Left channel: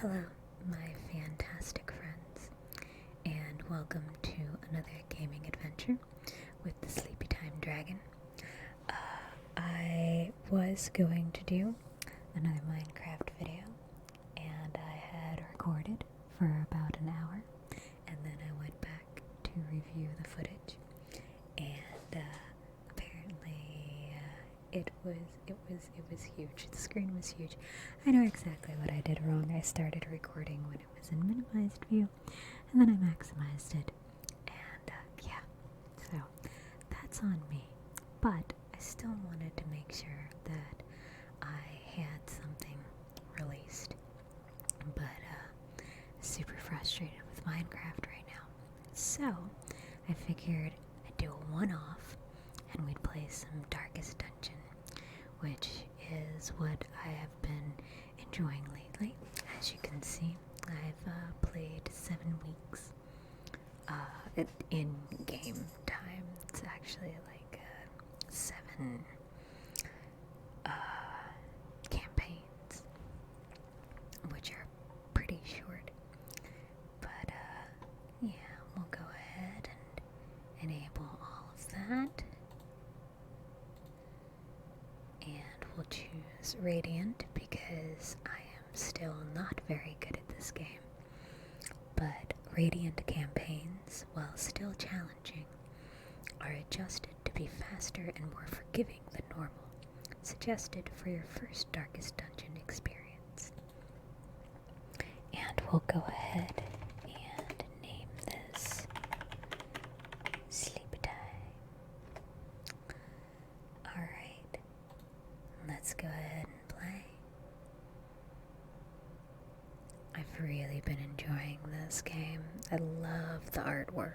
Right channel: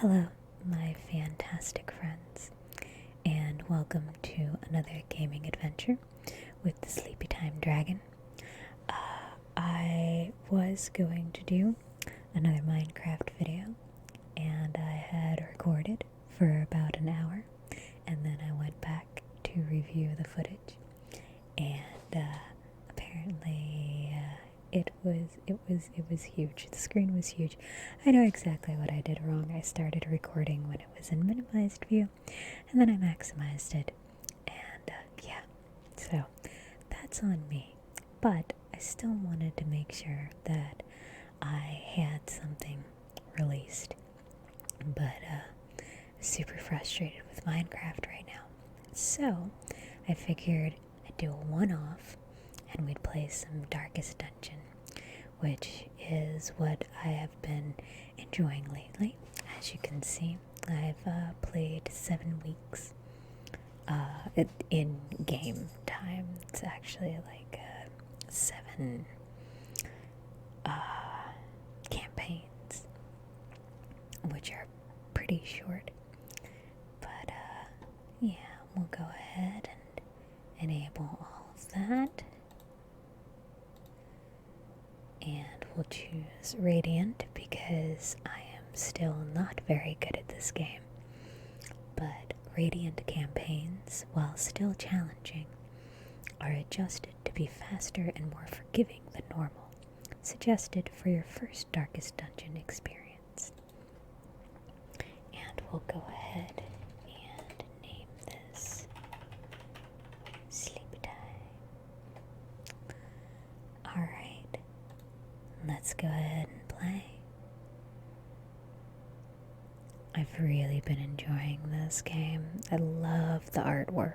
Hello, my fantastic friends, and welcome to another gaming adventure with the Sleepy Time Dragon. I was going to do another Minecraft video, and I had recorded for about an hour, and then I went back to review the footage, and apparently it was huge. The screen was huge. I know exactly what I did wrong. I started recording when it was in minimized view, and then I maximized it, and yeah, so that's on me. But I still wanted to make sure that I had something released. But super frustrated with Minecraft right now. So I figured I'd do a one-off and we'd play some Darkest Dungeon, which is what I have been enjoying lately. As you can see, I've played 7 weeks in game time. It's actually like 7 campaigns, which are pretty short. But yeah, we'll go ahead and enable all of that. And we'll choose Radiant because I am still not very good at this game. But Radiant campaigns, while still challenging, are adjusted to be faster and more forgiving than normal, suggested for your first Darkest Dungeon experience. And we'll go ahead and name this Sleep Time. Alright, let's go ahead and play. I've really been enjoying this game. I love the artwork.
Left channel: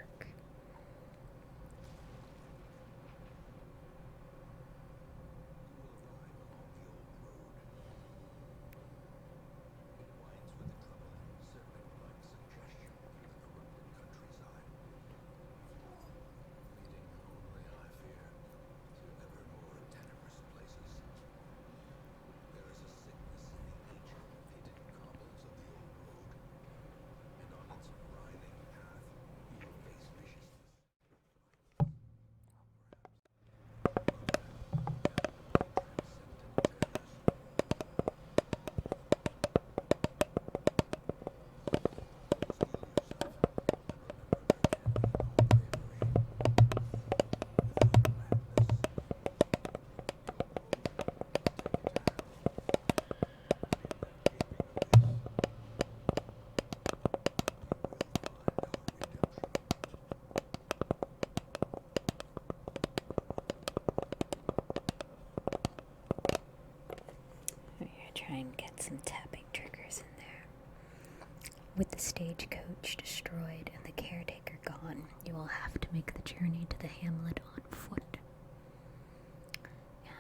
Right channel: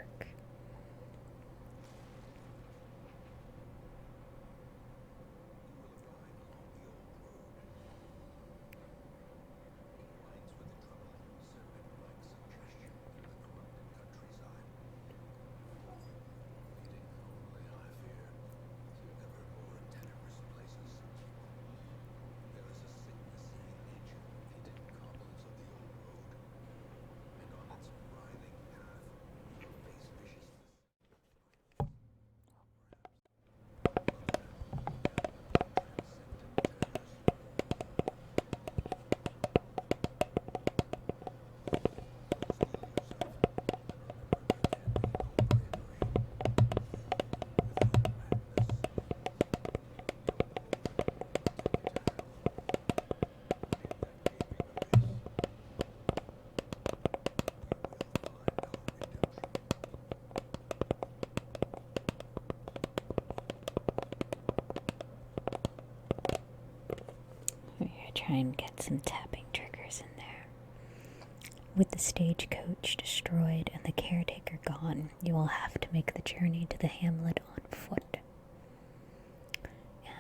Try and get some tapping triggers in there. With the stagecoach destroyed and the caretaker gone, you will have to make the journey to the Hamlet on foot.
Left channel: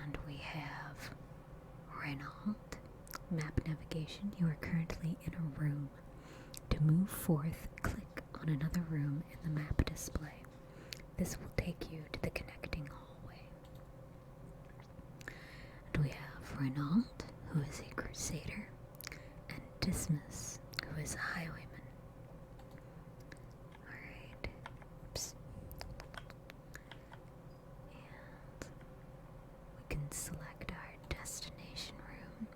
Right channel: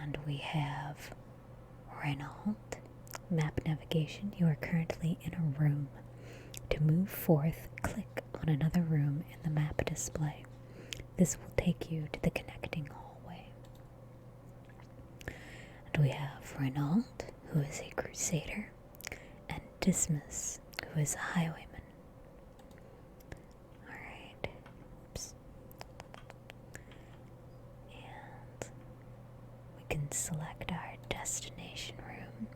And we have Renault. Map navigation. You are currently in a room. To move forth, click on another room in the map display. This will take you to the connecting hallway. And we have Renault, who is a crusader, and Dismas, who is a highwayman. Alright. Oops. And we can select our destination room.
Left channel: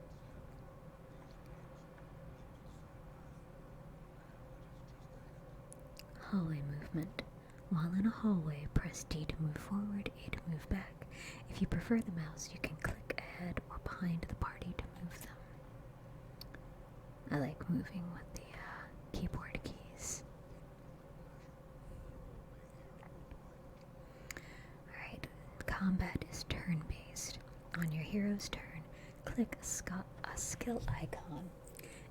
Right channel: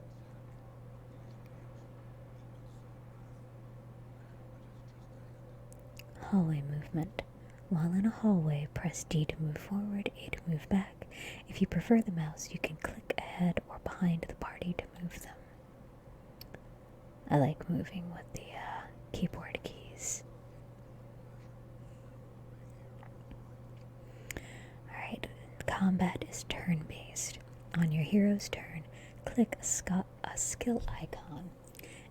Hallway movement. While in a hallway, press D to move forward, A to move back. If you prefer the mouse, you can click ahead or behind the party to move them. I like moving with the keyboard keys. Alright, combat is turn-based. On your hero's turn, click a skill icon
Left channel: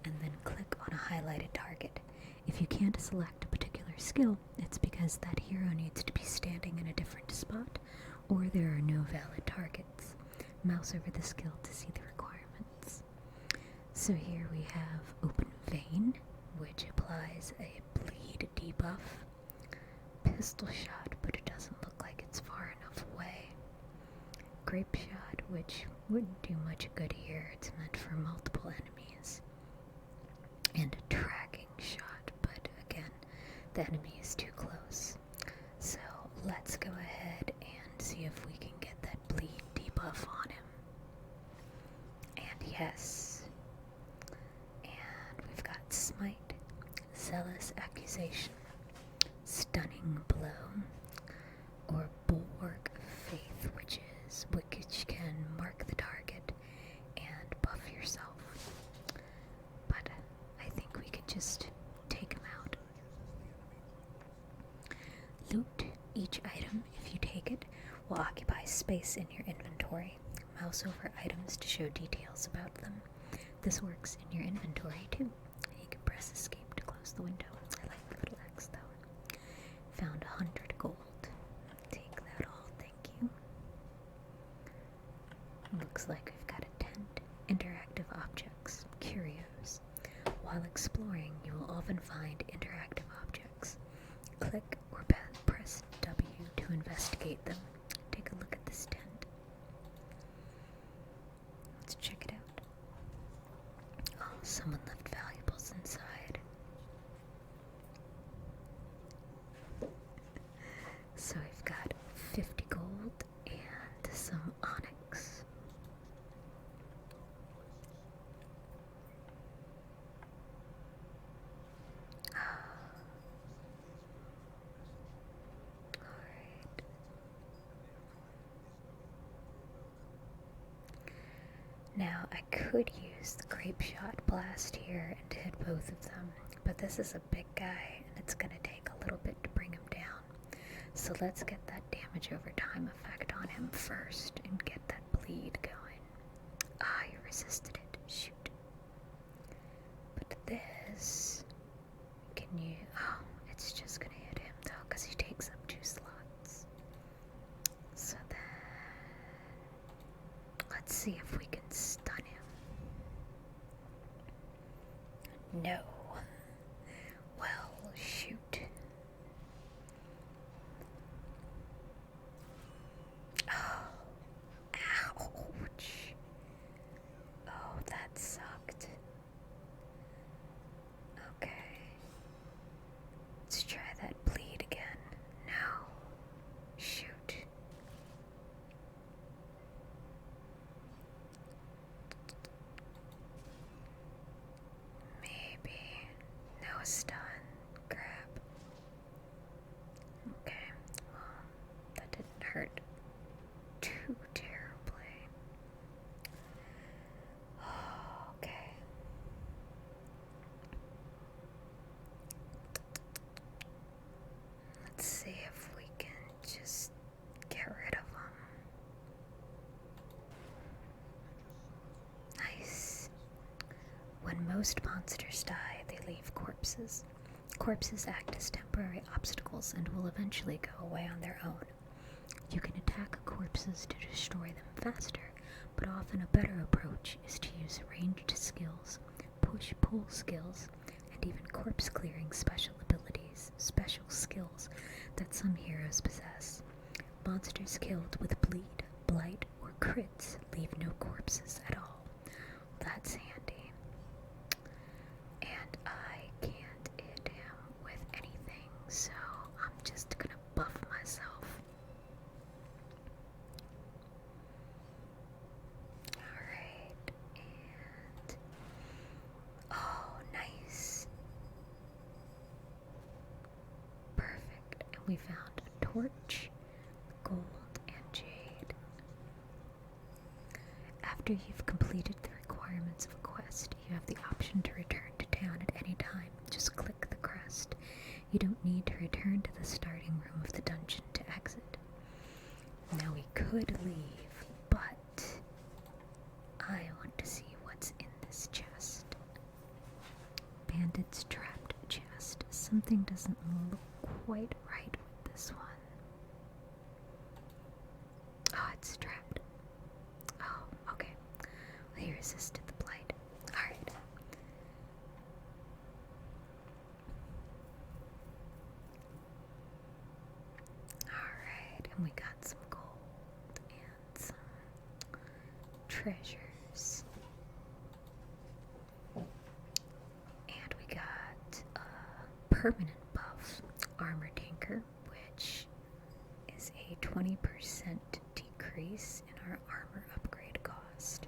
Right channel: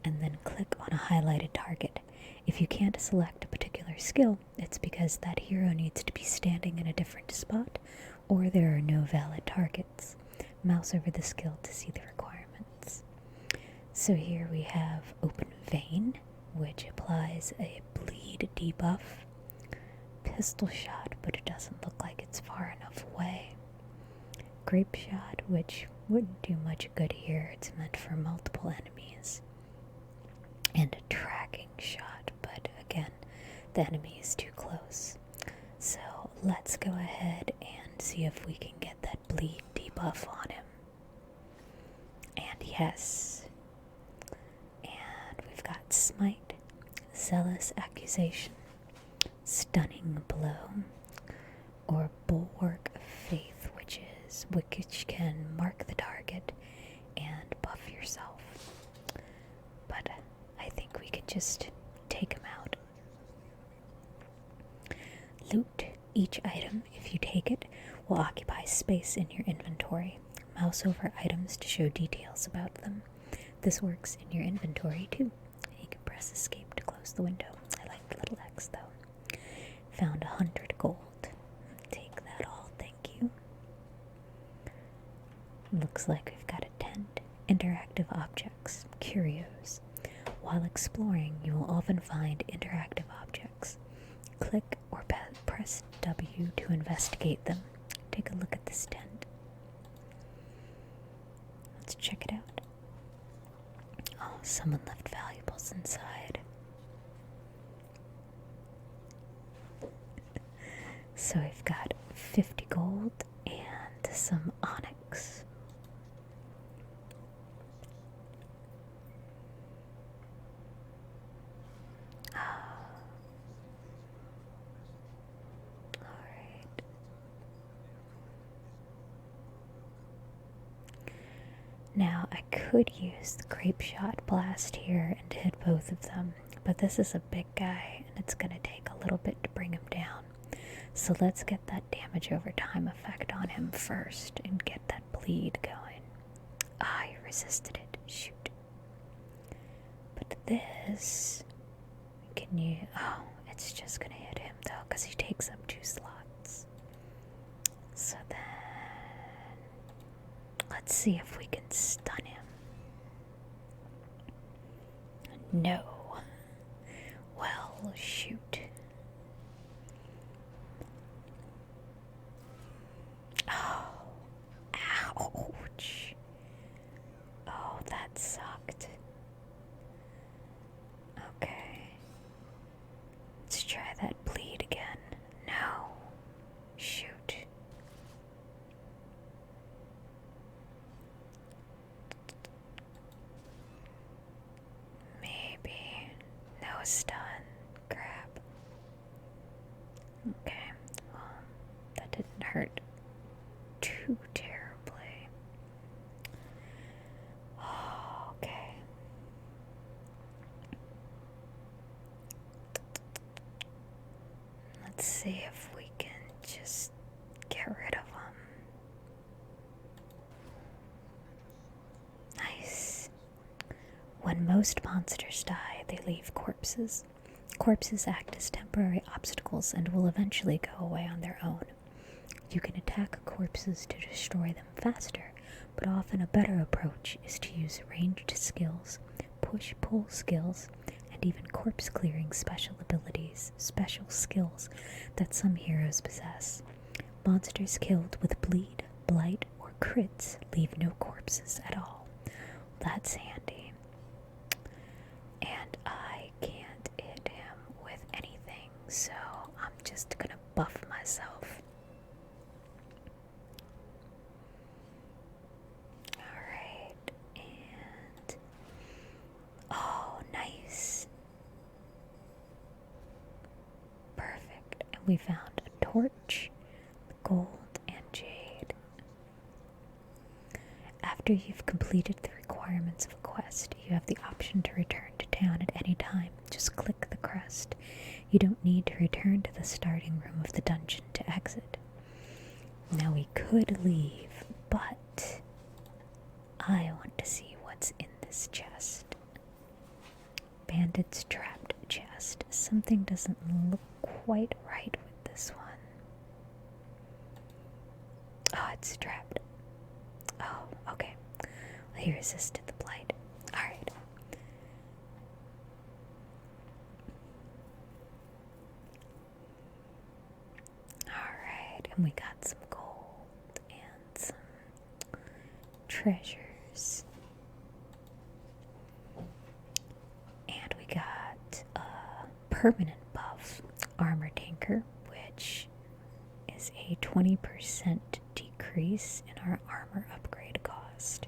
and then click on a highlighted target. If you can't select a particular skill, it's because that hero needs to be standing in a different spot or there are no valid targets. Mouse over the skill to see the requirements. So here we have Open Vein, which applies a bleed debuff. Pistol Shot, but it doesn't look like it's far enough away. Grape Shot, which wouldn't do much good here. It's meant for multiple enemies. And the enemy is too close. So let's go ahead and see if we can get that bleed debuff on him. And yes. And we've got Smite, Zealous Accusation, Stunning Blow, or Bulwark of Faith, which can mark the target and buff yourself. But I think we could just take him out. Loot. Each item, if you take it, will occupy space in your inventory. Mouse over items to show details about them. This works in your inventory too. You can press escape to close the window. I like the little X though. Found 100 gold. Take that all, thank you. Looks like we've got a tent. Interactive objects. Curios. While exploring, you will often find interactive objects. Click or press W to investigate them. Take a look at this tent. Let's check it out. Oh, someone left valuables inside. So we've got 50 gold and some onyx. Alright. Now I could use the grape shot blast here and hit both of them, but this is a big guy and it's going to take a little bit to bring him down. So let's get that damage over time effect on him first and get that bleed going. Ah, he resisted it. Shoot. But this, can you... Oh, it's just going to hit him though because he takes up 2 slots. So then... Let's see if we can stun him. No. Well, shoot. Ouch. Oh, that sucked. Okay. Let's try that bleed again. No. Shoot. Maybe. No stun. Crap. Okay. Well, that didn't hurt too terribly. Okay. Let's see if we can just get rid of them. Nice. When most monsters die, they leave corpses. Corpses act as temporary obstacles and will eventually go away on their own. You can attack corpses to destroy them faster, but often a better approach is to use ranged skills, push-pull skills, and even corpse-clearing special skills that some heroes possess. Monsters killed with bleed, blight, or crits leave no corpses at all. That's handy. And I can't hit him with anything, so I'm just gonna buff myself. Alright, and... Oh, nice. Perfect. And we found a torch, gold, and jade. After you've completed the requirements of a quest, you have the option to return to town at any time. Just click the crest. You don't need to return to the starting room of the dungeon to exit. Now we could leave, but I want to see what's in this chest. Bandit's trapped chest. Something doesn't look quite right with this one. Oh, it's trapped. Oh, okay. Well, he resisted the blight. Alright. Alright, and we got some gold and some treasures. And we got a permanent buff 20% decrease in our armor upgrade cost.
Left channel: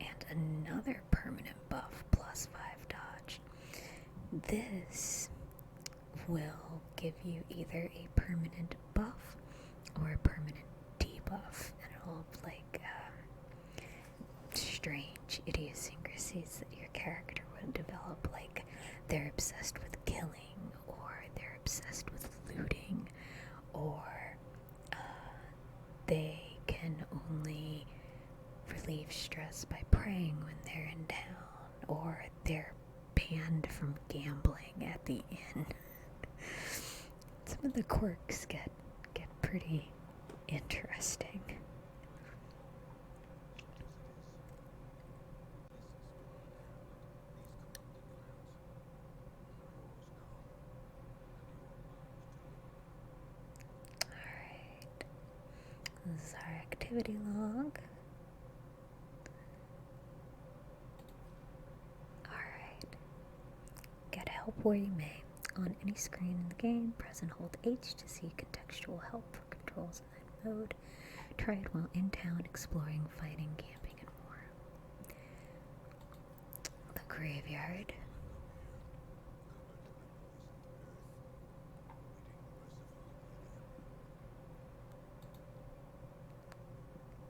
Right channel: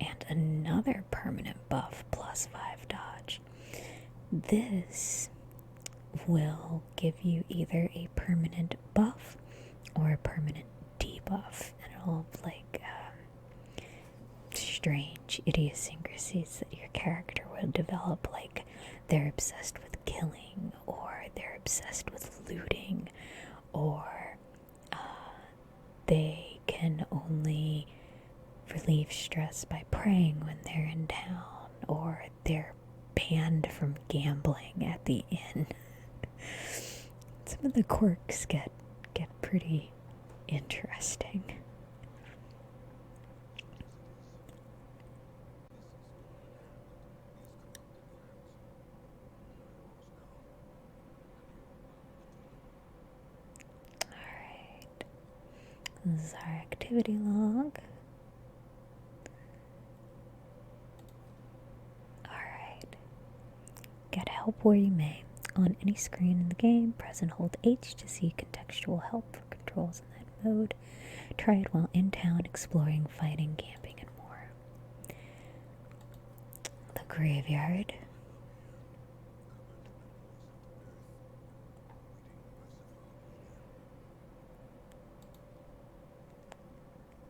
And another permanent buff, plus 5 dodge. This will give you either a permanent buff or a permanent debuff. And it'll have like strange idiosyncrasies that your character will develop, like they're obsessed with killing, or they're obsessed with looting, or they can only relieve stress by praying when they're in town, or they're banned from gambling at the inn. Some of the quirks get pretty interesting. Alright. This is our activity log. Alright. Get help where you may. On any screen in the game, press and hold H to see contextual help for controls in that mode. Try it while in town, exploring, fighting, camping, and more. The graveyard.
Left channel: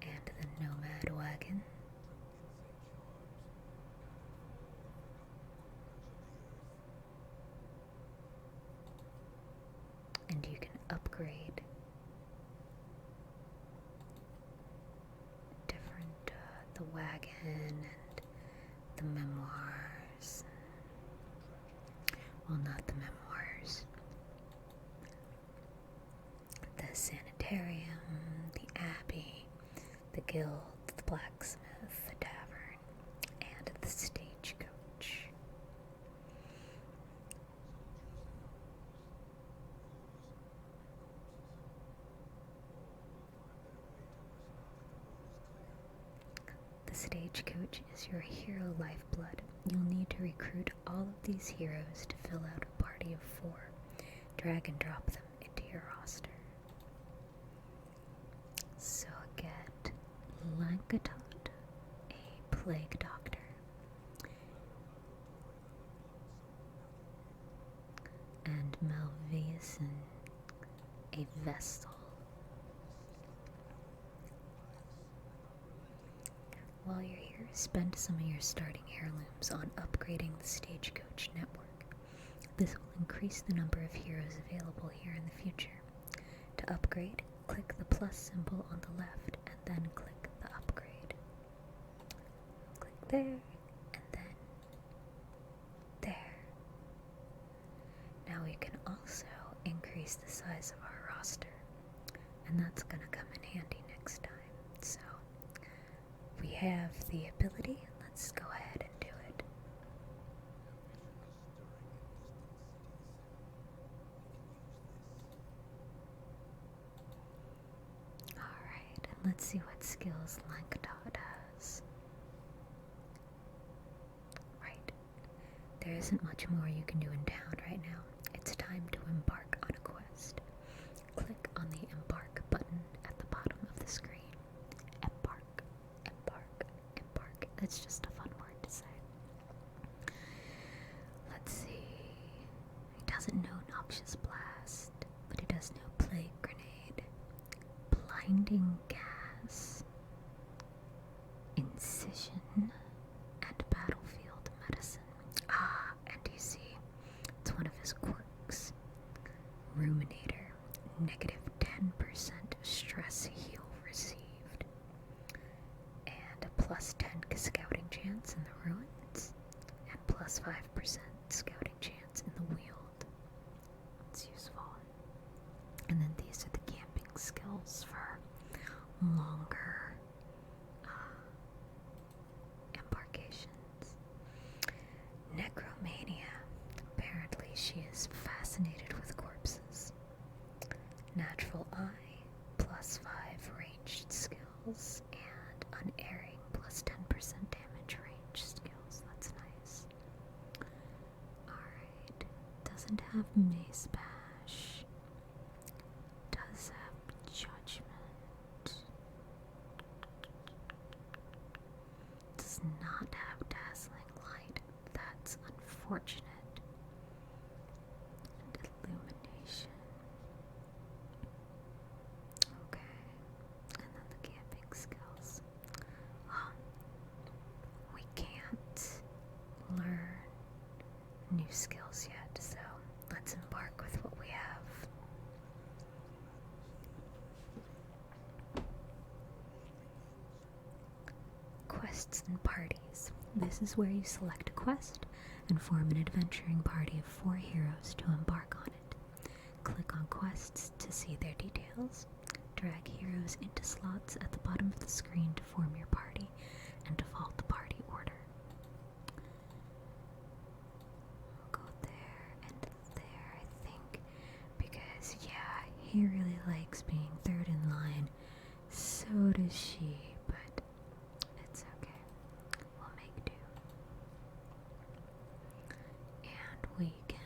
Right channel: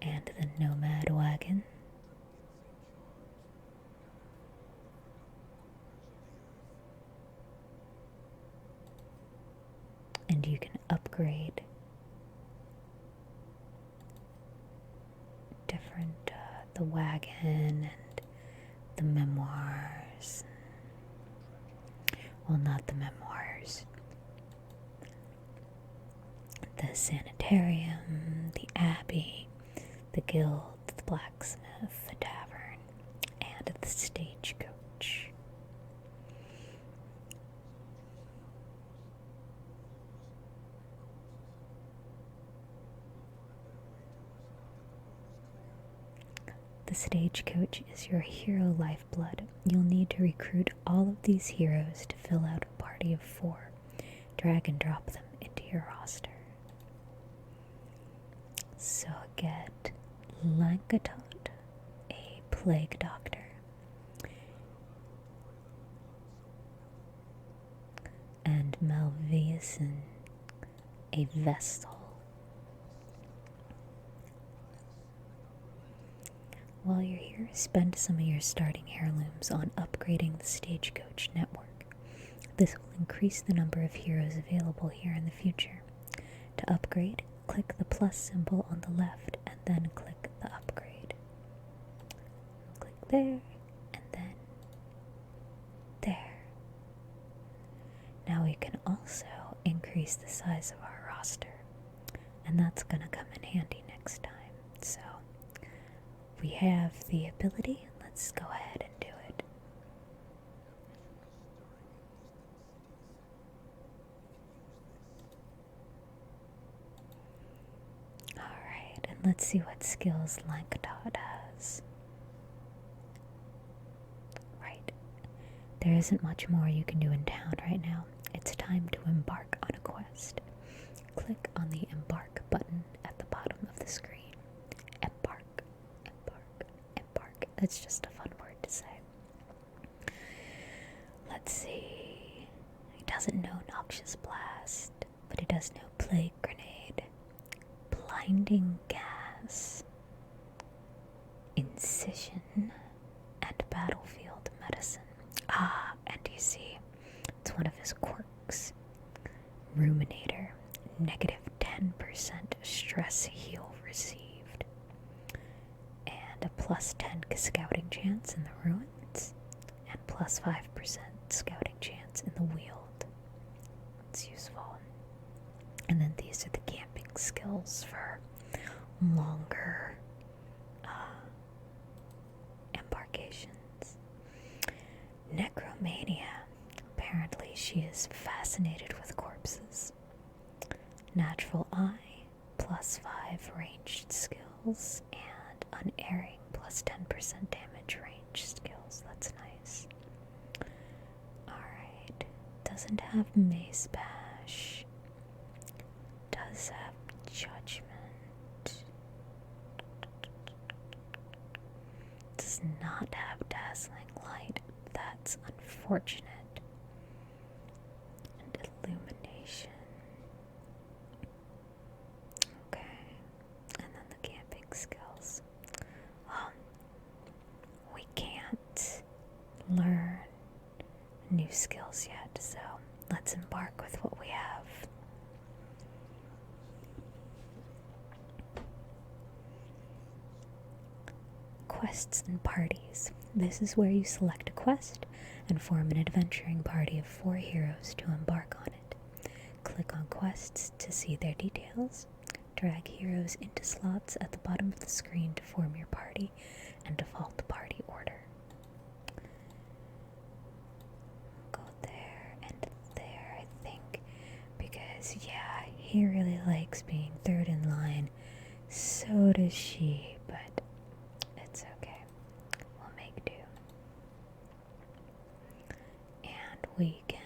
And the nomad wagon. And you can upgrade different, the wagon and the memoirs. Well, not the memoirs. The sanitarium, the abbey, the guild, the blacksmith, the tavern, and the stagecoach. The stagecoach is your hero lifeblood. You'll need to recruit all of these heroes to fill out a party of 4. Drag and drop them into your roster. So get Lankatot, a plague doctor. And Malveson, a vestal. While you're here, spend some of your starting heirlooms on upgrading the stagecoach network. This will increase the number of heroes available here in the future. To upgrade, click the plus symbol on the left and then click the upgrade. Click there and then there. Now we can also increase the size of our roster, and that's going to come in handy next time. So we have the ability. Let's go ahead and do it. Alright, and let's see what skills Lankatot has. Right. There isn't much more you can do in town right now. It's time to embark on a quest. Click on the embark button at the bottom of the screen. Embark, embark, embark. That's just a fun word to say. Let's see. He doesn't know Noxious Blast, but he does know Plague Grenade, Blinding Gas, Incision, and Battlefield Medicine. Ah, and you see, it's one of his quirks. Ruminator, negative 10% stress heal received, and a plus 10 scouting chance in the ruins, and plus 5% scouting chance in the Weald. It's useful. And then these are the camping skills for longer embarkations. Necromania. Apparently she is fascinated with corpses. Natural Eye, plus 5 ranged skills, and Unerring, plus 10% damage range skills. That's nice. Alright, doesn't have Mace Bash. That's unfortunate. And illumination. Okay. And then the camping skills. We can't learn new skills yet, so let's embark with what we have. Quests and parties. This is where you select a quest and form an adventuring party of 4 heroes to embark on it. Click on quests to see their details. Drag heroes into slots at the bottom of the screen to form your party and default the party order. Go there and there, I think, because yeah, he really likes being third in line. So does she, but it's okay. We'll make do. And we can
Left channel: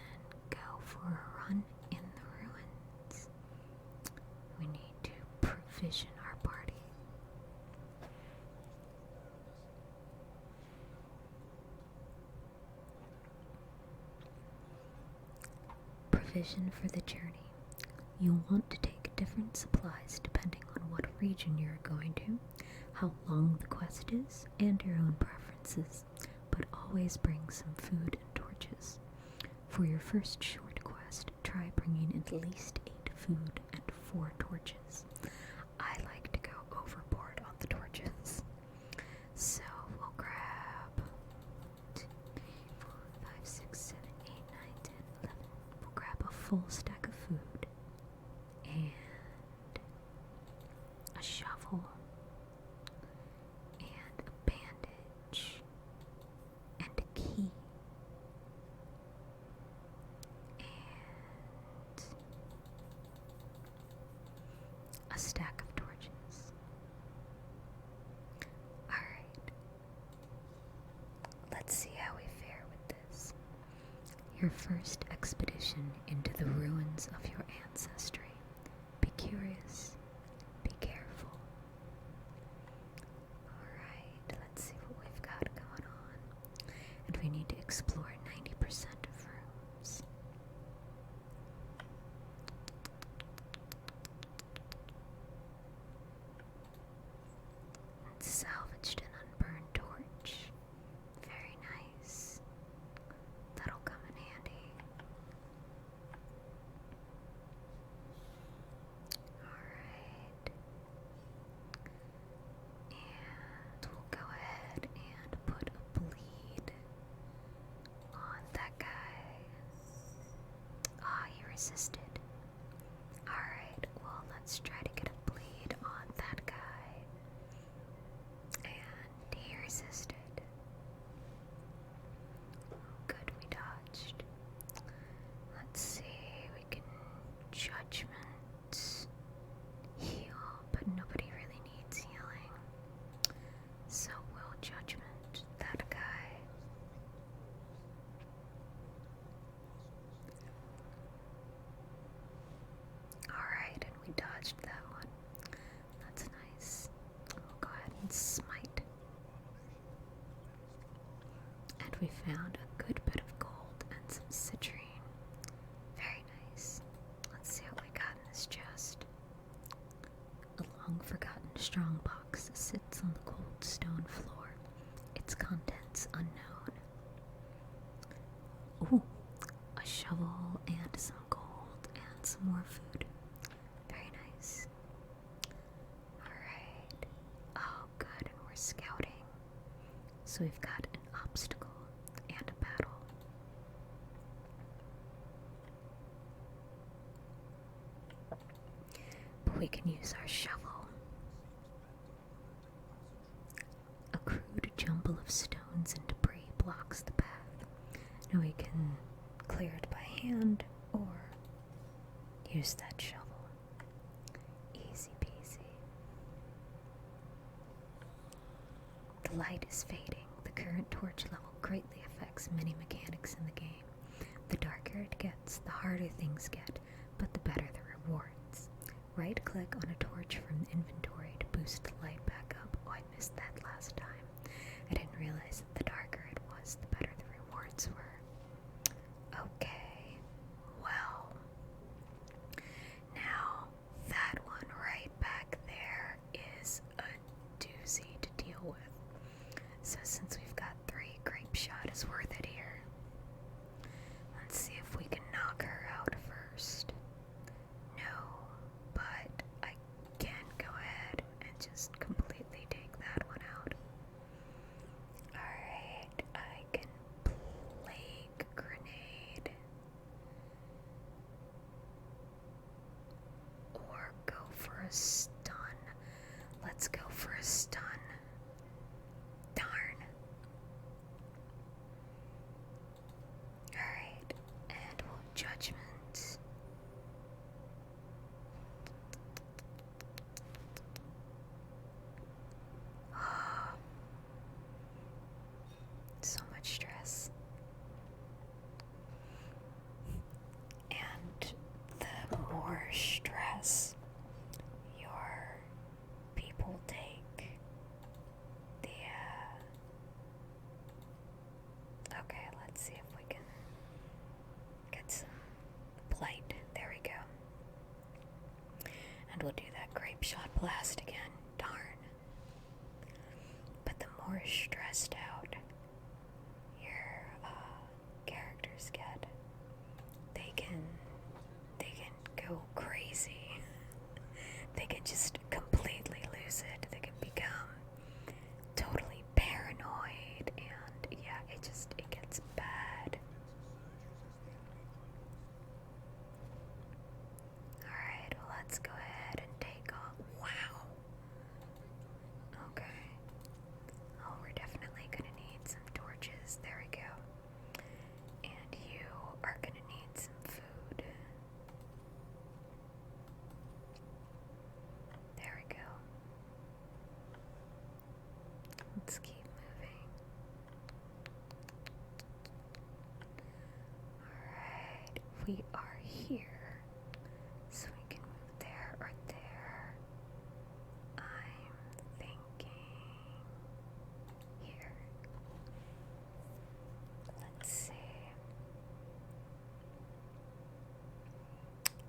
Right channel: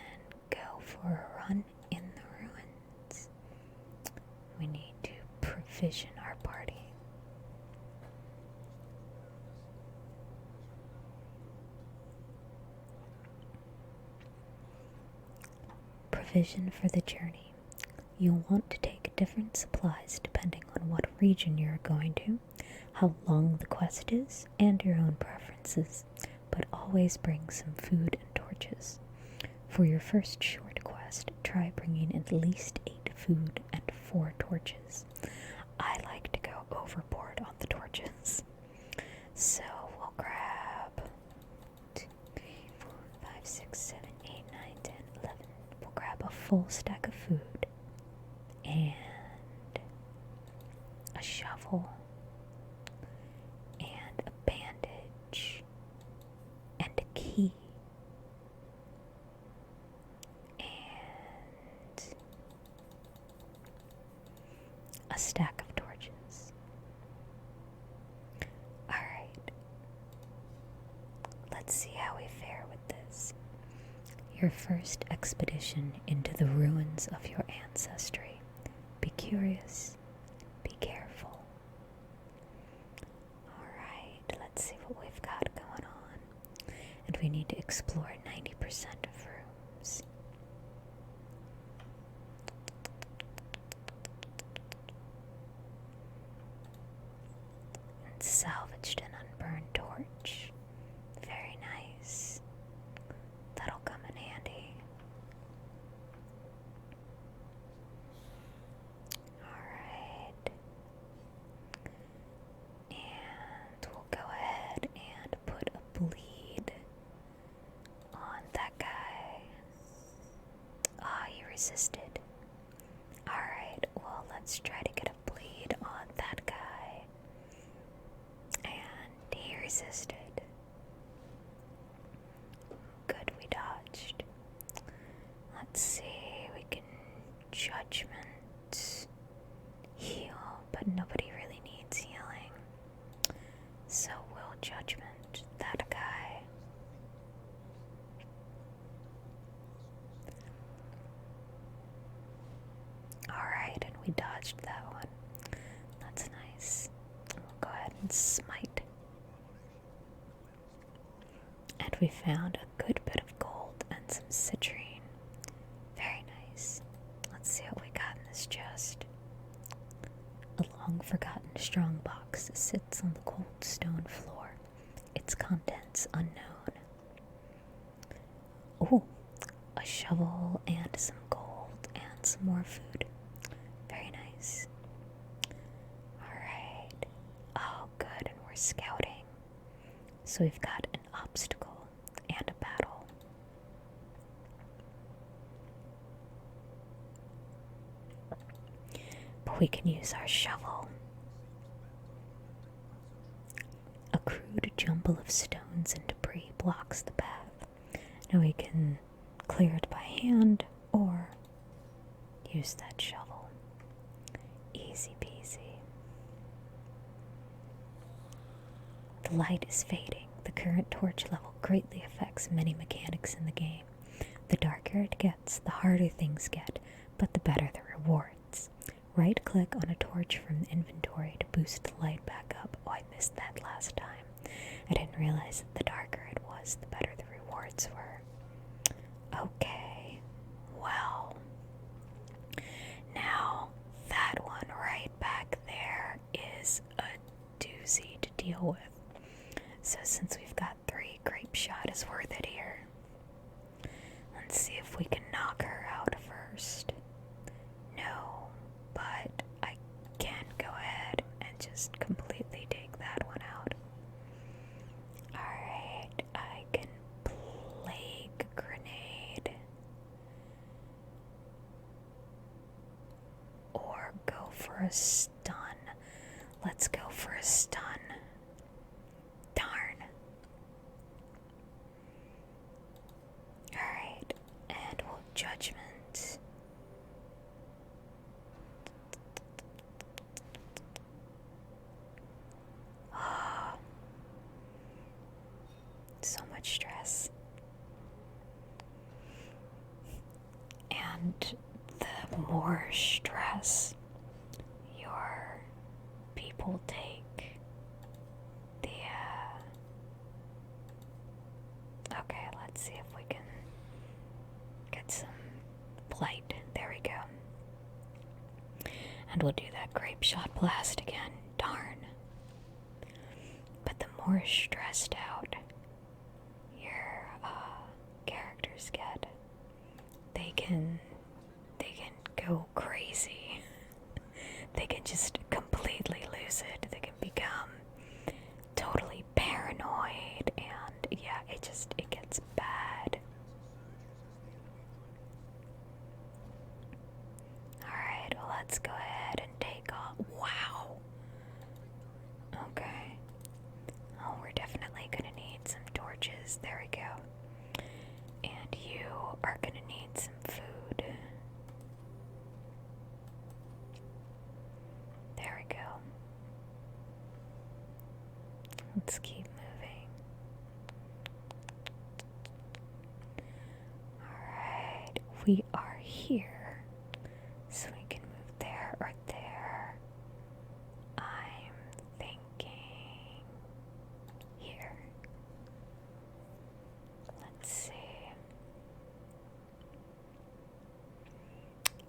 go for a run in the ruins. We need to provision our party. Provision for the journey. You'll want to take different supplies depending on what region you're going to, how long the quest is, and your own preferences, but always bring some food and torches. For your first short quest, try bringing at least 8 food and 4 torches. I like to go overboard on the torches. So we'll grab 2, 3, 4, 5, 6, 7, 8, 9, 10, 11. We'll grab a full stack of food and a shovel and a bandage and a key and a stack of torches. Alright, let's see how we fare with this. Your first expedition into the ruins of your ancestry. Be curious, be careful. Alright, let's see what we've got going on. And we need to explore 90% of rooms. And salvaged an unburned torch. Very nice. That'll come in handy. Alright. And we'll go ahead and put a bleed on that guy. Ah, he resisted. Alright, well, let's try to get a bleed on that guy. And he resisted. Good, we dodged. Let's see, we can judgment, heal, but nobody really needs healing. So we'll judgment that guy. Alright, and we dodged that one. That's nice. We'll go ahead and smite. And we found a good bit of gold and some citrine. Very nice. Let's see what we got in this chest. A long-forgotten strongbox sits on the cold stone floor, its contents unknown. Oh, a shovel and some gold and some more food. Very nice. Alright. Oh, good, and we're scouting. So we've got an obstacle and a battle. But we can use our shovel. A crude jumble of stones and debris blocks the path. Now we can clear it by hand or use that shovel. Easy peasy. The light is fading. The current torch level greatly affects many mechanics in the game. The darker it gets, the harder things get, but the better the rewards. Right-click on a torch from the inventory to boost the light back up. Oh, I missed that last time. I didn't realize that the darker it was, the better the rewards were. a stun. Let's go for a stun. Darn. Alright, and we'll judgment. So much stress. And the more stress your people take, the okay, let's see if we can get some blight. There we go. And we'll do that grape shot blast again. Darn. But the more stressed out your characters get, they can go crazy. They can just completely lose it. They can become totally paranoid, and yeah, it gets bad. Alright, well, let's go ahead and take off. Wow. Okay. Oh, we're definitely gonna need some torches. There we go. And you are gonna need some food. There we go. Let's keep moving. Alright, we are here. So we can move there or there. I'm thinking here. Let's see.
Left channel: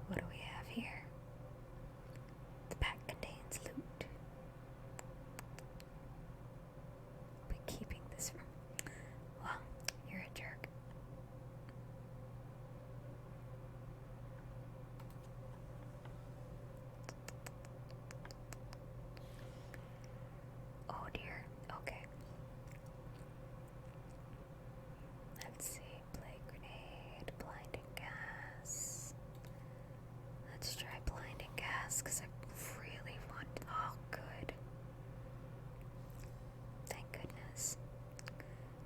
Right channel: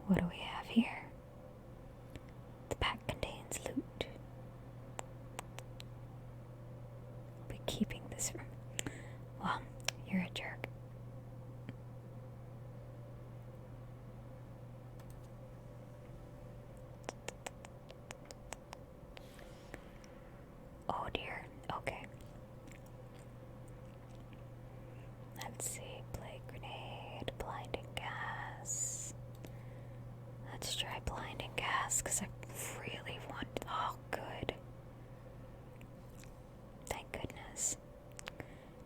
What do we have here? The pack contains loot. Be keeping this from. Well, you're a jerk. Oh dear. Okay. Let's see. Plague grenade, blinding gas. Let's try blinding gas because I really want. Oh, good. Thank goodness.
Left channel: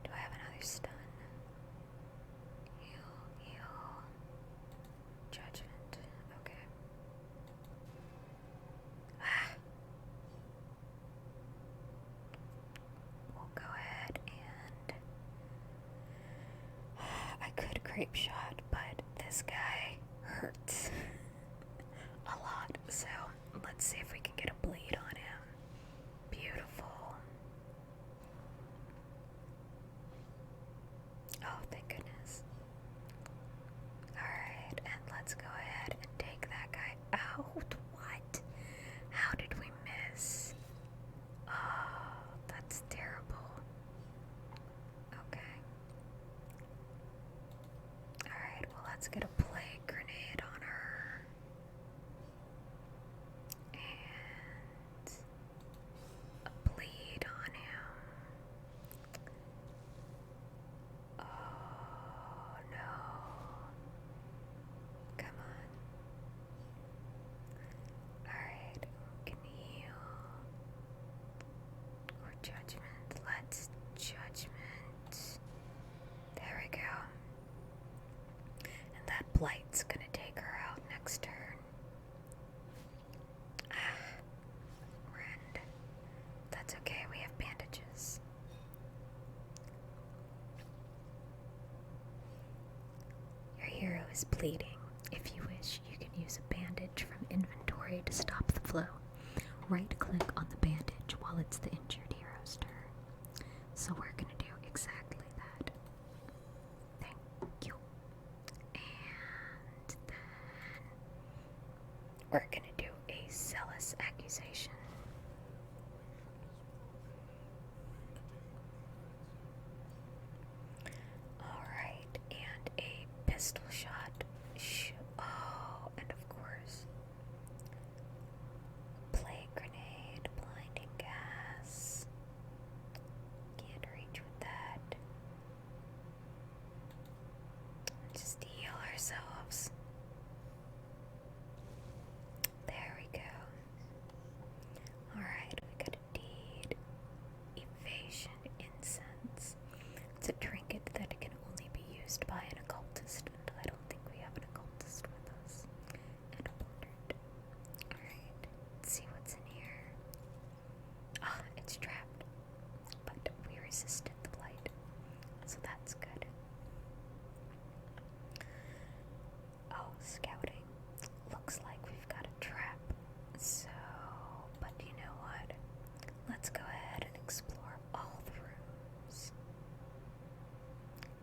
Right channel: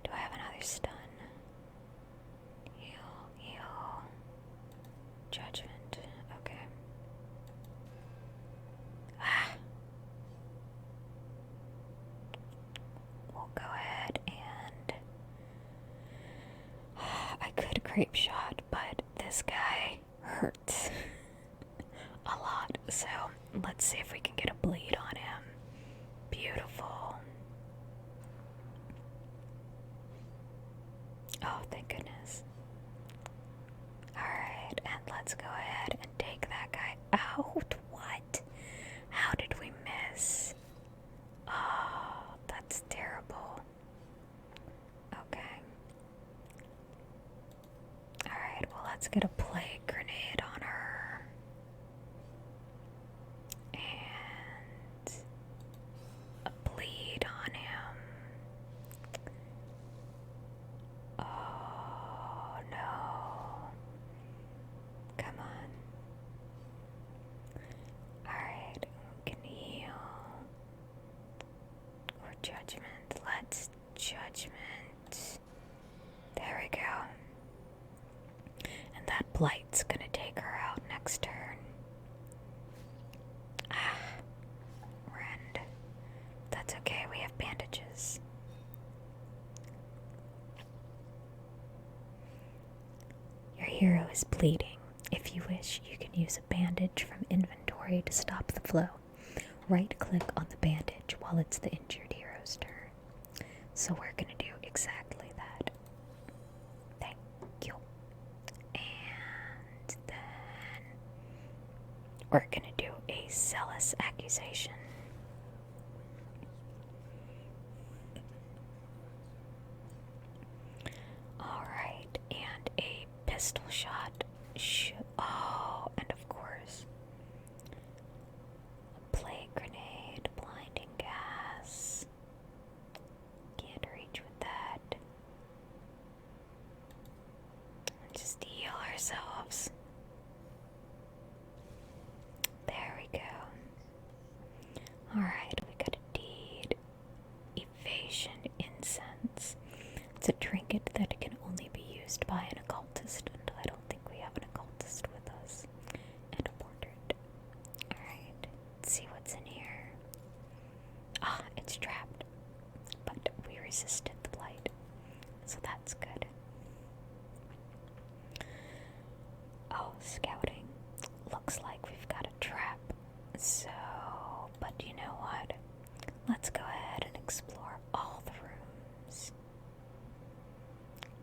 Do I have another stun? Heal. Judgment. Okay. We'll go ahead and I could grape shot, but this guy hurts a lot. So let's see if we can get a bleed on him. Beautiful. Oh, thank goodness. Alright, and let's go ahead and take that guy out. What? How did we miss? Oh, that's terrible. Okay. Alright, well, let's get a plague grenade on her. And a bleed on him. Oh, no. Come on. Alright, we can heal. Or judgment. Let's judgment. There we go. And that blight's gonna take her out next turn. Rend. That's okay, we have bandages. Your hero is bleeding. If you wish, you can use a bandage from inventory to stop the flow. Right-click on the bandage while it's the injured hero's turn. So we're gonna do exactly that. Thank you. And then we're gonna do a zealous accusation. Alright, and a pistol shot. Oh, and of course, a plague grenade, blinding gas. Can't reach with that. Just heal ourselves. There we go. It's a trinket that can only be used by an occultist, and I don't think we have an occultist with us. And a portrait. Alright, let's see what's in here. Ah, it's trapped. But we resisted the light, so that's good. Oh, scouting. Looks like we've got a trap. So, but you know what? Let's go ahead and explore all the rooms.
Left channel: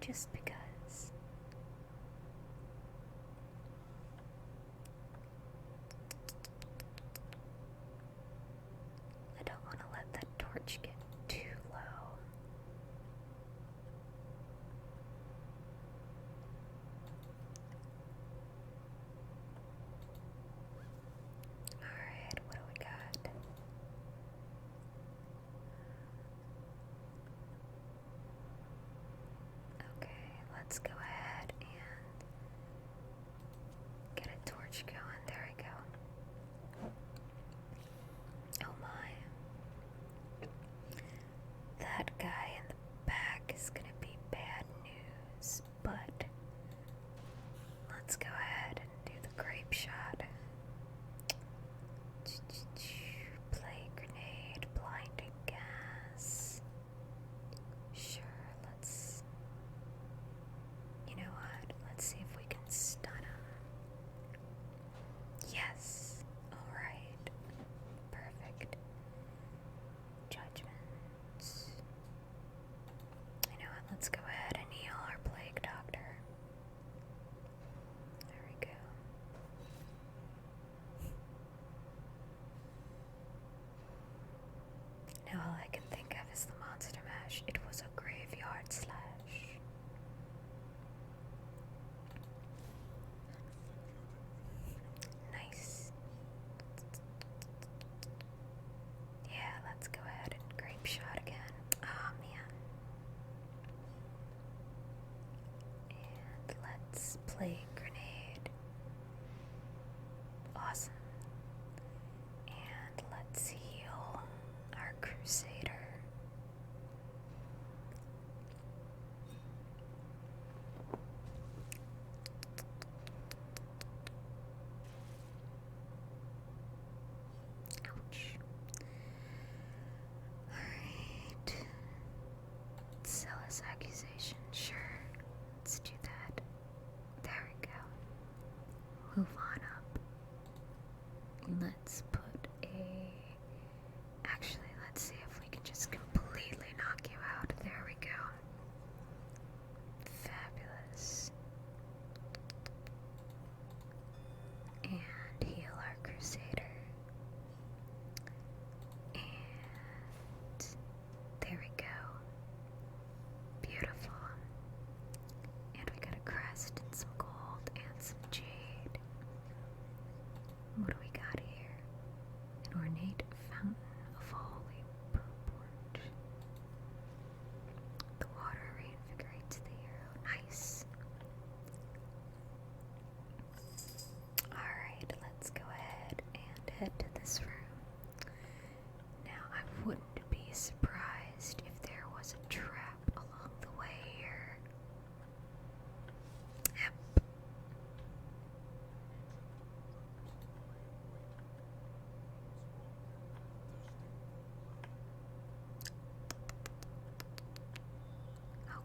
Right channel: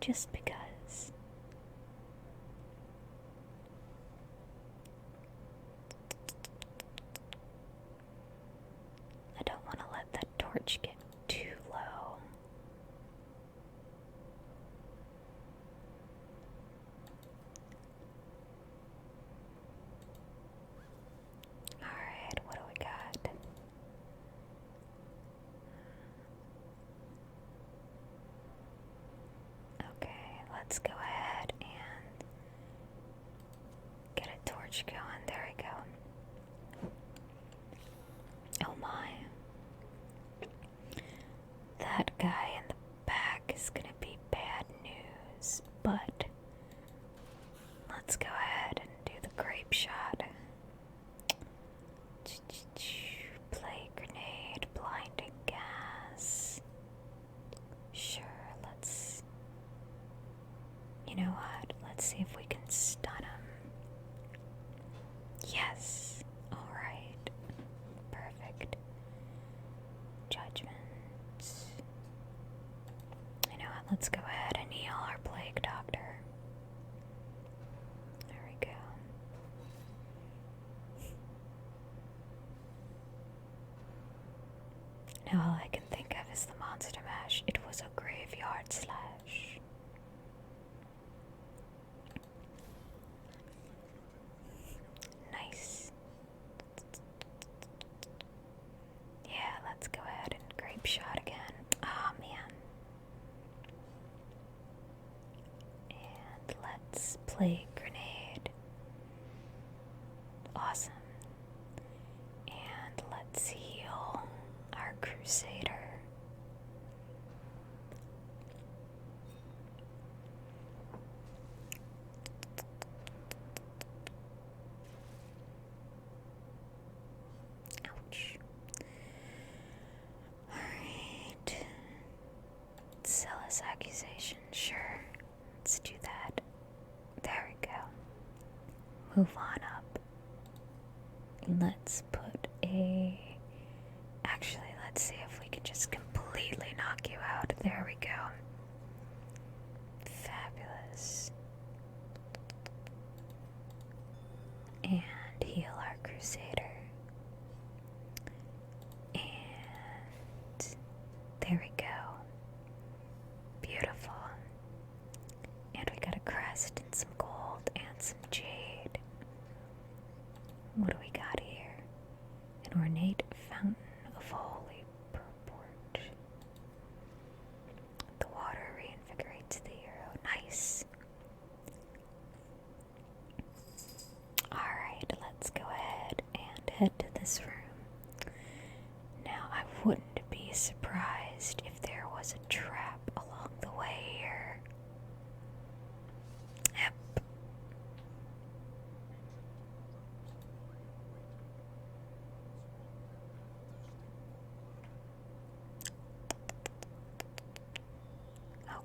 Just because. I don't want to let that torch get too low. Alright, what do we got? Okay, let's go ahead and get a torch going. There we go. Oh my. That guy in the back is gonna be bad news, but let's go ahead and do the grape shot. Play grenade, blinding gas. Sure, let's... You know what? Let's see if we can stun him. Yes! Alright. Perfect. Judgments. You know what? Let's go ahead and heal our plague doctor. There we go. Now all I can think of is the monster mash. It was a graveyard slash. Nice. Yeah, let's go ahead and grape shot again. Oh man. And let's play grenade. Awesome. And let's heal our crusader. Ouch. Alright. Zealous accusation, sure. Let's do that. There we go. Move on up. Let's put a... Actually, let's see if we can just completely knock you out. There we go. Fabulous. And heal our crusader. And there we go. Beautiful. And we got a crest and some gold and some jade. What do we got here? An ornate fountain of holy purport. The water reinvigorates the hero. Nice. Alright, let's go ahead and head to this room. Now, I wouldn't be surprised if there was a trap along the way here. Yep.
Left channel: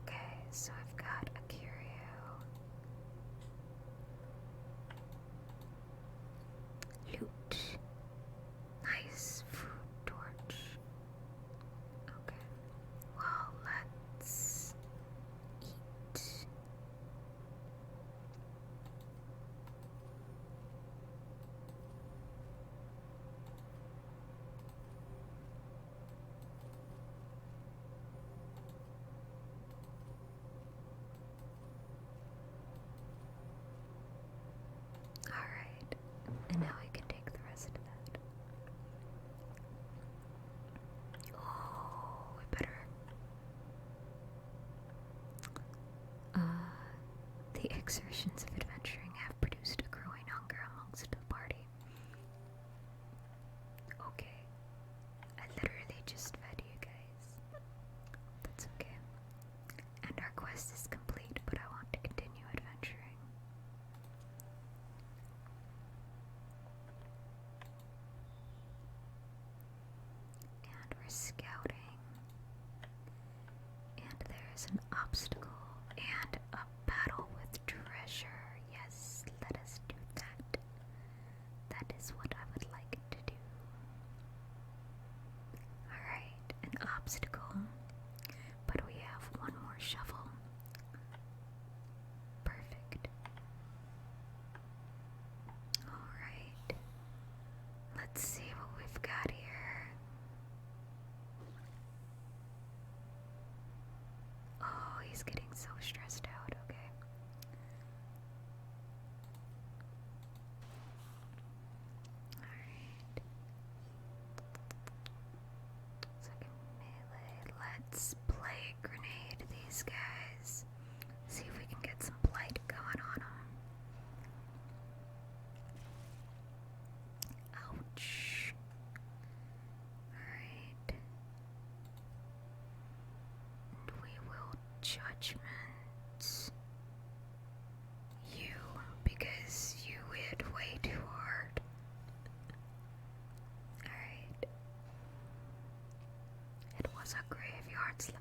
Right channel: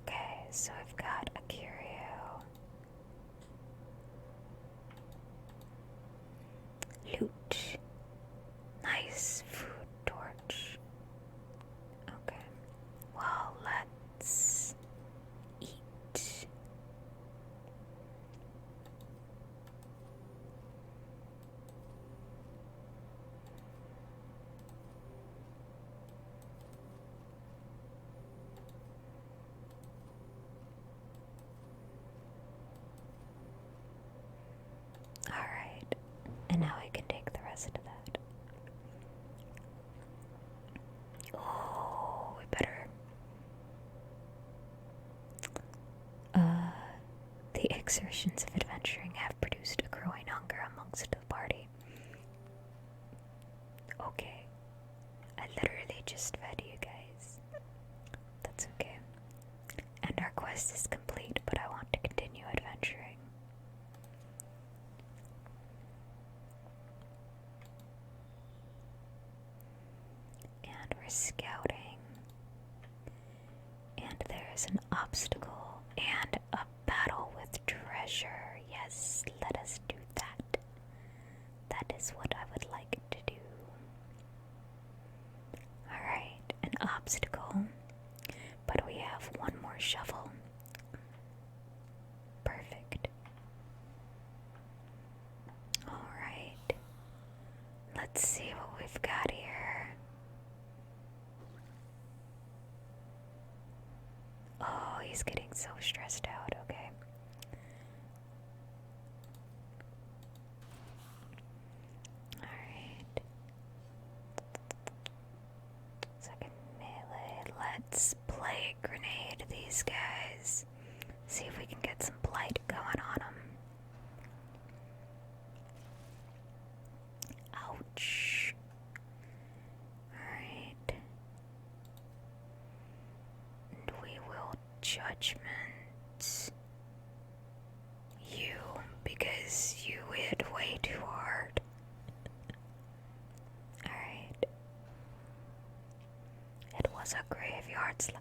Okay, so I've got a curio. Loot. Nice food torch. Okay. Well, let's eat. Alright. And now I can take the rest of that. Oh, we better... The exertions of adventuring have produced a growing hunger amongst the party. Okay. I literally just fed you guys. That's okay. And obstacle and a battle with treasure. Yes, let us do that. That is what I would like to do. Alright, an obstacle. But we have one more shovel. Perfect. Alright. Let's see what we've got here. Oh, he's getting so stressed out. Okay. Alright. Second melee. Let's play grenade these guys. See if we can get some blight going on them. Ouch. Alright. And we will judgment you because you hit way too hard. Alright. It was a graveyard slip.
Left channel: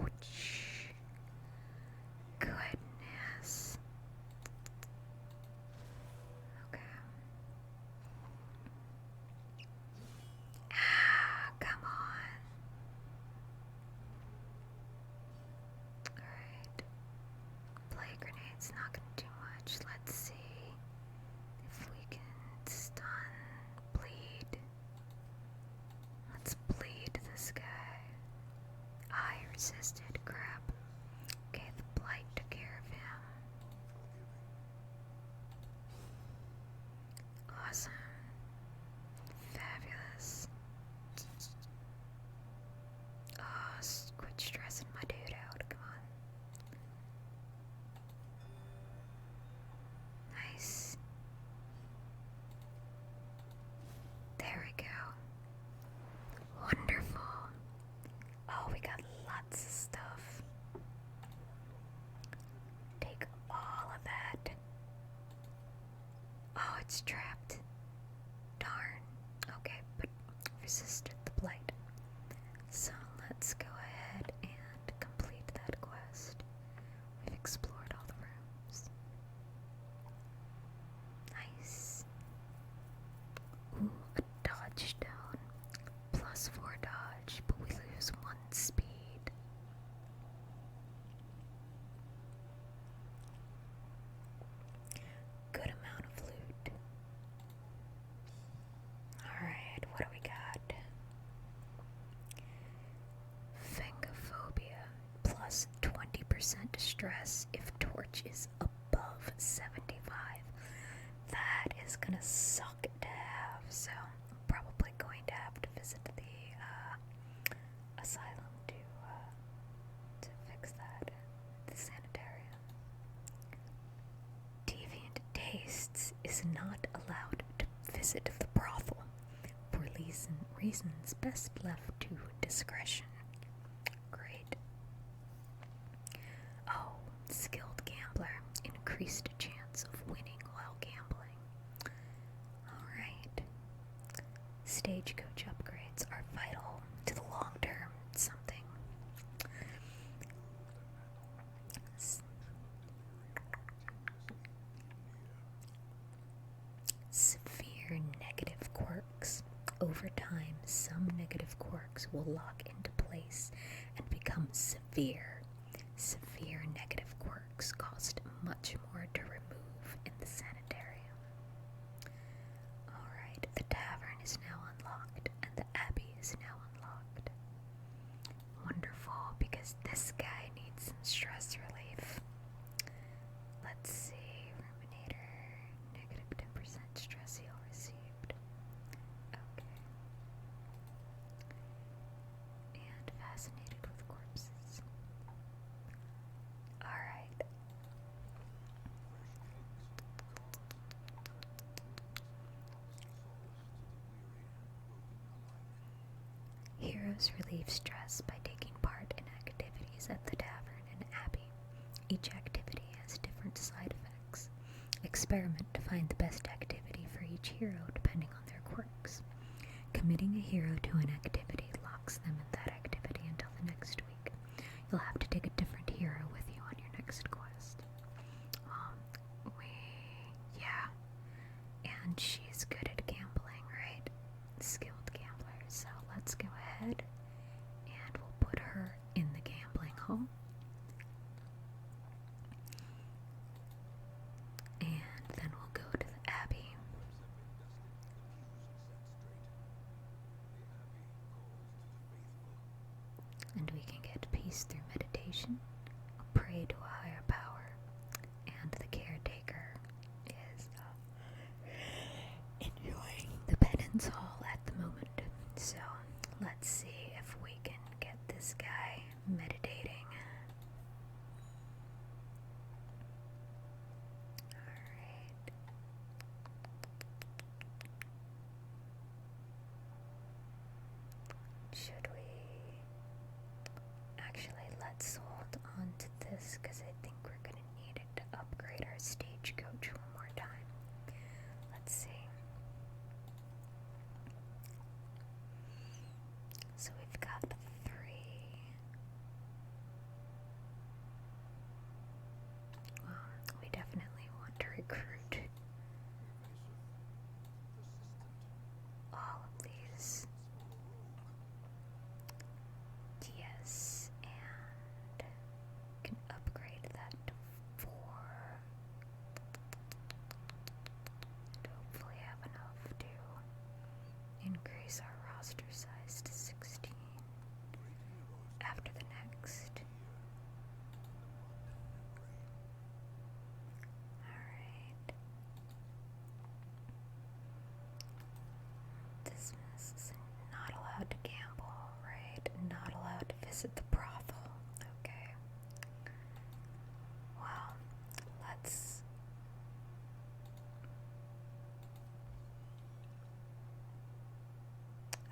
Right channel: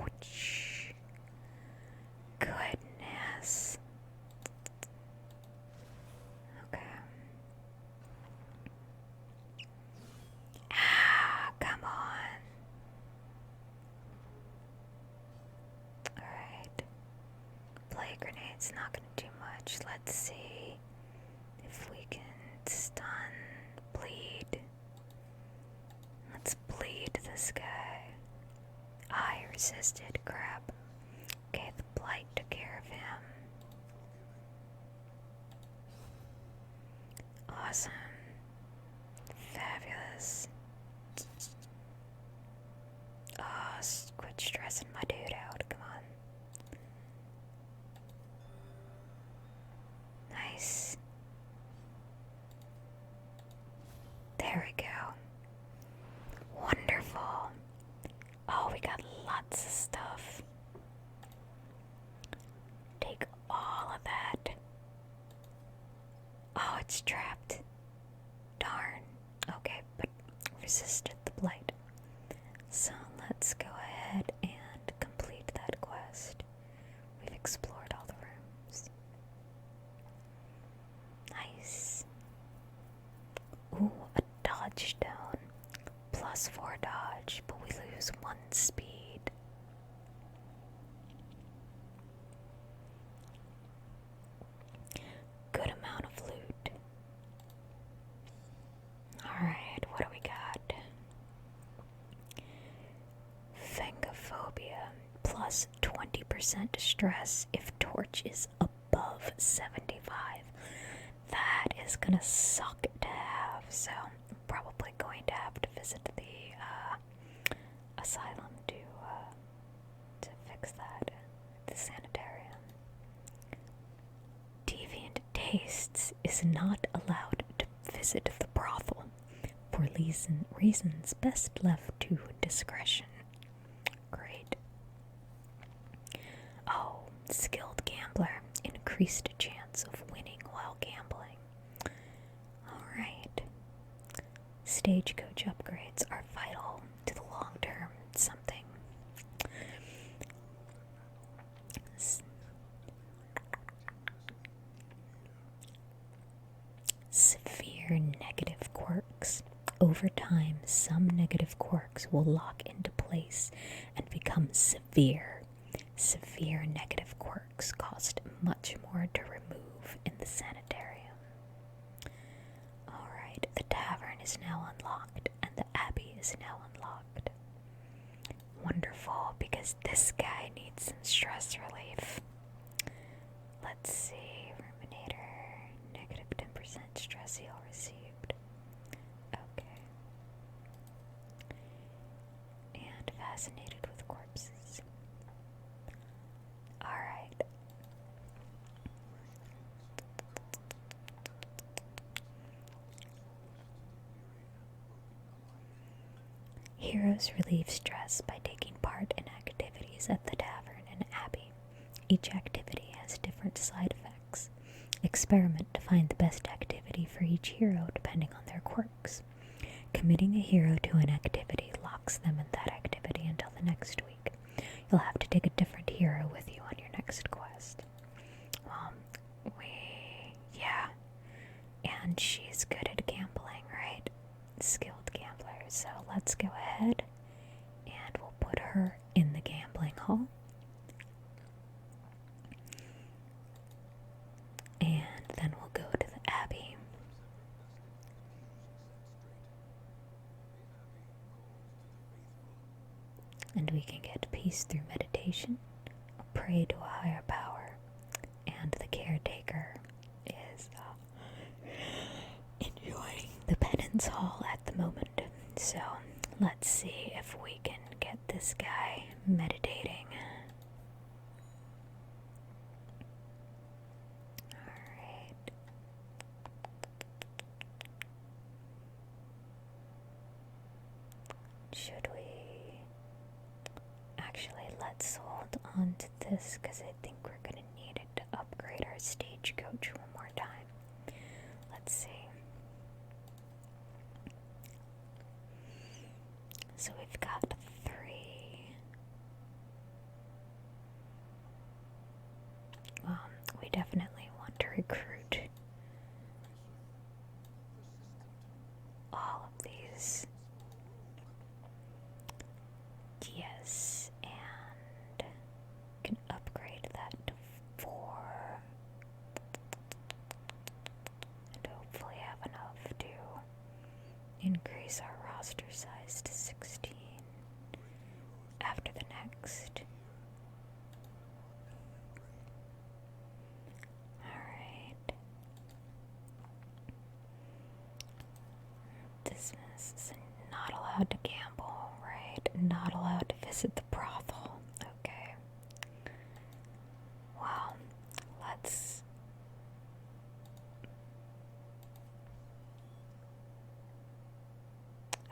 Ouch. Goodness. Okay. Ah, come on. Alright. Play grenade's not gonna do much. Let's see if we can stun, bleed. Let's bleed this guy. I resisted. Crap. Okay, the blight took care of him. Awesome. Fabulous. Oh, quit stressing my dude out. Come on. Nice. There we go. Wonderful. Oh, we got lots of stuff. Take all of that. Oh, it's trapped. Darn. Okay, but resisted the blight. So let's go ahead and complete that quest. We've explored all the rooms. Nice. Ooh, a dodge stone. +4 dodge, but we lose 1 speed. Good amount of loot. Alright, what do we got? Phangophobia. +20% stress if torch is above 75. That is gonna suck to have, so I'm probably going to have to visit the asylum to fix that. The sanitarium. Deviant Tastes is not allowed to visit the brothel for reasons best left to discretion. Great. Oh, skilled gambler. Increased chance of winning while gambling. Alright. Stagecoach upgrades are vital to the long-term something. Severe negative quirks. Over time, some negative quirks will lock into place and become severe. Severe negative quirks cost much more to remove in the sanitarium. Alright, the tavern is now unlocked, and the abbey is now unlocked. Wonderful, because this guy needs some stress relief. Let's see. Ruminator. Negative 10% stress heal received. Okay. And fascinated with corpses. Alright. Heroes relieve stress by taking part in activities at the tavern and abbey. Each activity has different side effects. Experiment to find the best activity for each hero depending on their quirks. Committing a hero to an activity locks them in that activity until the next week. You'll have to take a different peace through meditation, a prey to a higher power, and the caretaker is enjoying the penance hall at the moment. So let's see if we can get this guy meditating. Alright. Should we... Actually, let's hold on to this because I think we're going to need it to upgrade our stagecoach one more time. Let's see. So we've got 3. We definitely want to recruit all of these. Yes, and can upgrade that to 4. And hopefully have enough to increase our roster size to 16 after the next. Alright. This is not allowed to gamble, right? Not allowed to visit the brothel. Okay. Wow.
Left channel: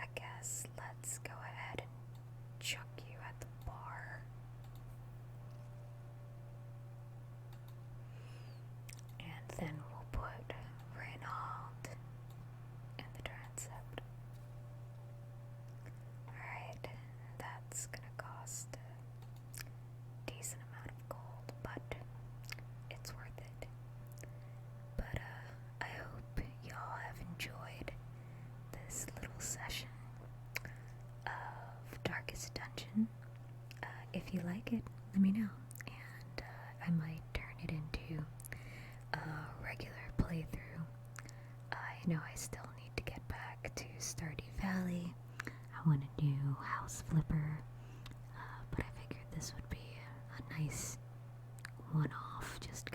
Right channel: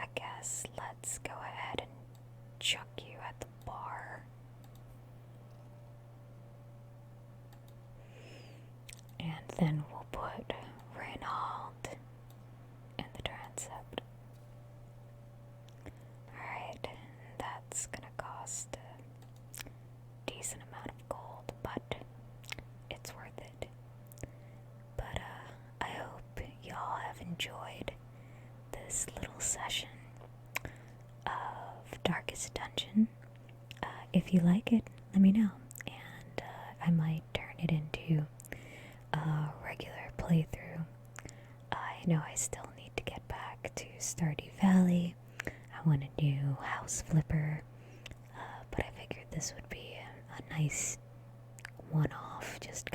I guess let's go ahead and chuck you at the bar. And then we'll put Reynald in the transept. Alright, that's gonna cost a decent amount of gold, but it's worth it. But I hope y'all have enjoyed this little session of Darkest Dungeon. If you like it, let me know, and I might turn it into a regular playthrough. I know I still need to get back to Stardew Valley. I want to do House Flipper, but I figured this would be a nice one-off, just